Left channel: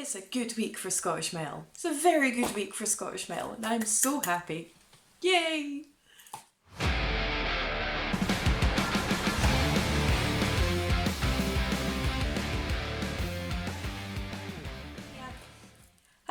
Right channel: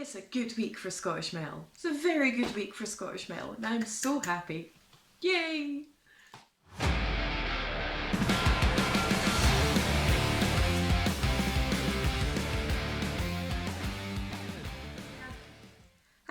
It's a good week for Scottish metal. It's a very good week for Scottish metal, and I'm so happy. Yay!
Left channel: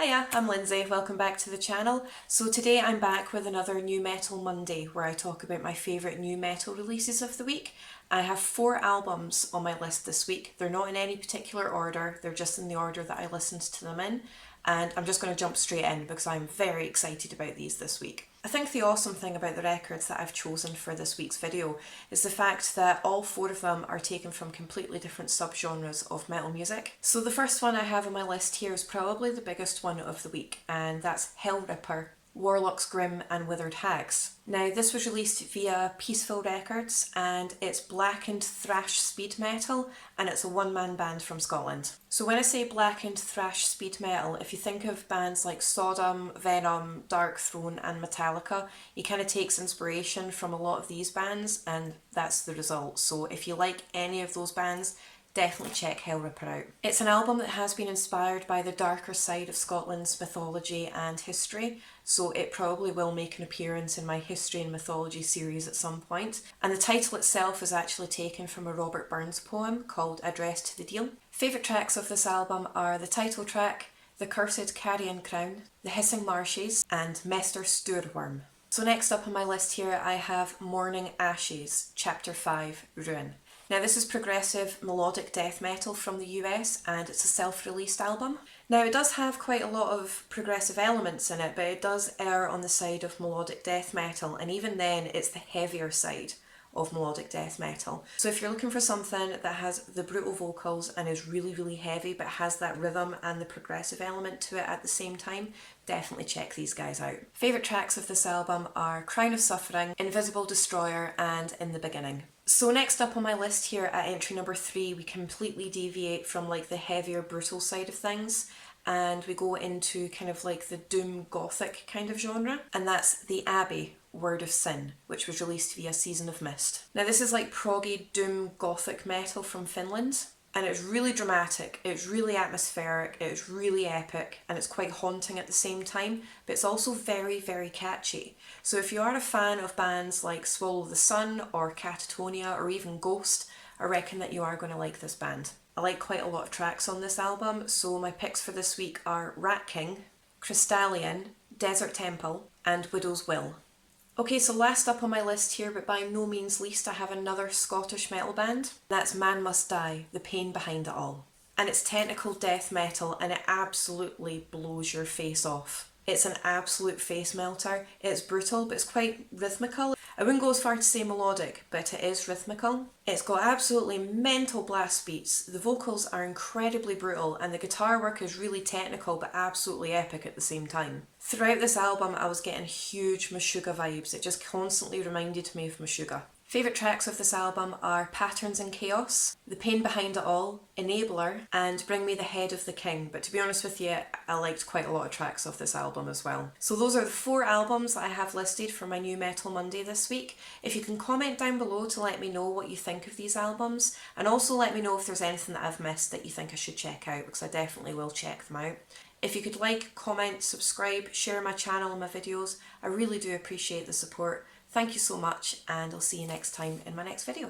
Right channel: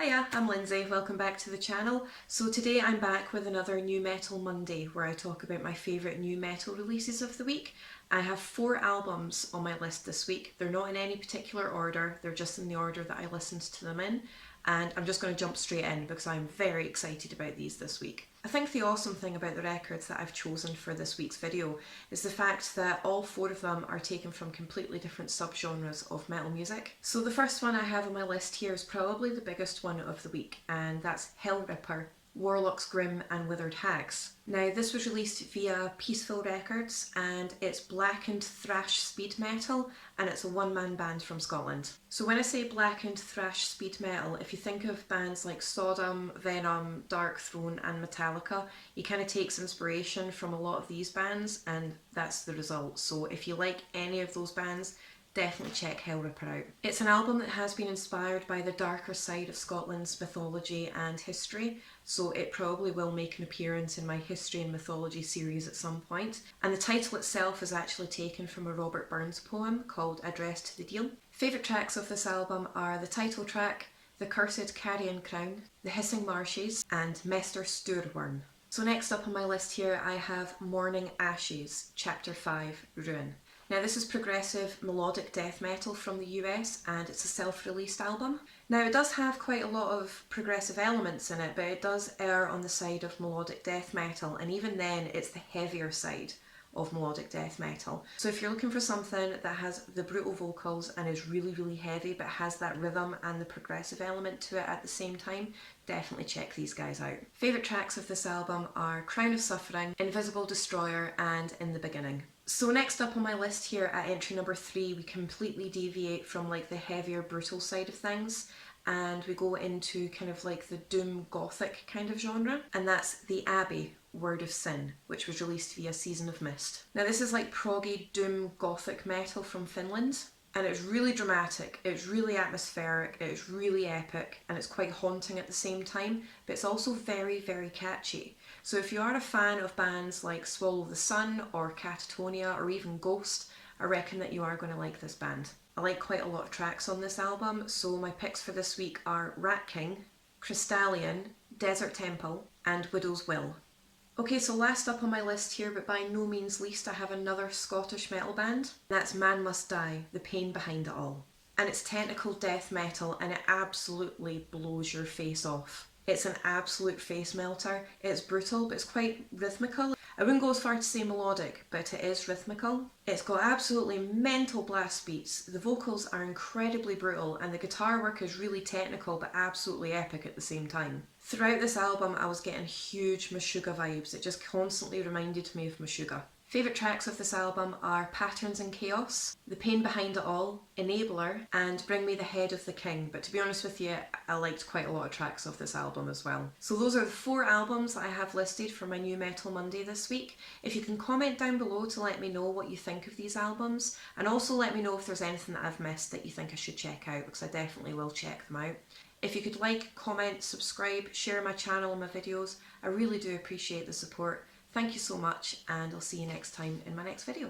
Hiya, I'm Lindsay, welcome back to the channel. So today I'm back with another New Metal Monday where I talk about my favourite new metal releases of the week. I have 4 albums on my list this week. They're not in any particular order, they're just in the order that I listened to them in. And I'm just going to jump straight in because I'm very excited about these this week. I think the awesome thing about the records that I've chosen for this week's video is the fact that all 4 of them are taken from completely different subgenres of metal music. So the first one I have on my list here is probably the biggest one of the week, and that's Hellripper, Warlocks, Grim and Withered Hags. Now this was released via Peaceful Records and it's blackened thrash speed metal and it's a one-man band from Scotland. So when I say blackened thrash speed metal, if you think of bands like Sodom, Venom, Dark Throne and Metallica, he kind of takes inspiration from a lot of these bands and that's the result. So if you like any of those bands, definitely check Hellripper out. It's an album that has been inspired by the darker side of Scotland's mythology and history, so it probably will make an appearance in my history and mythology series at some point. And the title itself is actually taken from a Robert Burns poem called Address to the Deil. Favourite tracks of this album are the title track, The Cursed Carrion Crown, The Hissing Marshes and Mester Stoorworm. So next up on my list here I have Mourning Ashes, Chapter 5, Ruin. Now this is progressive melodic death metal from the US and it's a self-released album. Now it does have quite a lot of progressive elements in it, but it does err on the side of melodic death metal, and even then it's the heavier side of melodic death metal. So if you're looking for something that has the brutal vocals and is really heavy but has that rhythm and the progressive element to it at the same time, definitely check these guys out. Favourite tracks of this album are Crown of Suffering, Invisible Destroyer and In the Beginning. So next up on my list here at entry number 3, we completely deviate from like the heavier brutal side of things and we go into kind of like the doom gothic kind of genre, and that's the Abbey, Word of Sin, which was released via Season of Mist. Now this is like proggy doom gothic metal from Finland, and it's really dramatic, it's really atmospheric, it's really epic, and it's quite haunting at the same time, but it's also very catchy. So if you are a fan of bands like Swallow the Sun or Catatonia or even Ghost, I reckon that you are going to like this band. I like quite a lot of tracks on this album, so my picks for this week are Rat King, Crystallian, Desert Temple and Widow's Will. Okay, so last up on my list here, but by no means least, I have another Scottish metal band. That's Man Must Die, The Pain Behind It All. And it's technical death metal and it absolutely blows your face off. It's an absolute face melter. It's brutal, but it's quite rhythmical. I wouldn't go as far to say melodic, but it is rhythmical. It's got absolutely mental blast beats. The vocals are incredibly brutal and the guitar work is really technical but absolutely epic at the same time. Throughout this album I was getting huge Meshuggah vibes. It just constantly reminded me of Meshuggah. Favourite tracks of this album are Patterns in Chaos, The Pain Behind It All, Enabler and Bring Me the Head of the King, but to be honest with you, I liked quite a lot of tracks of this album as well. So those are the 4 albums that I have listed for my New Metal Monday this week. If you can comment down below to let me know what you think of these albums, and also let me know if there's anything that I've missed that you think I should check out, because I definitely will check them out. If you could like, comment, subscribe, share my channel and my videos, I really do appreciate the support. Thank you so much, and I'll see you next time in my next video.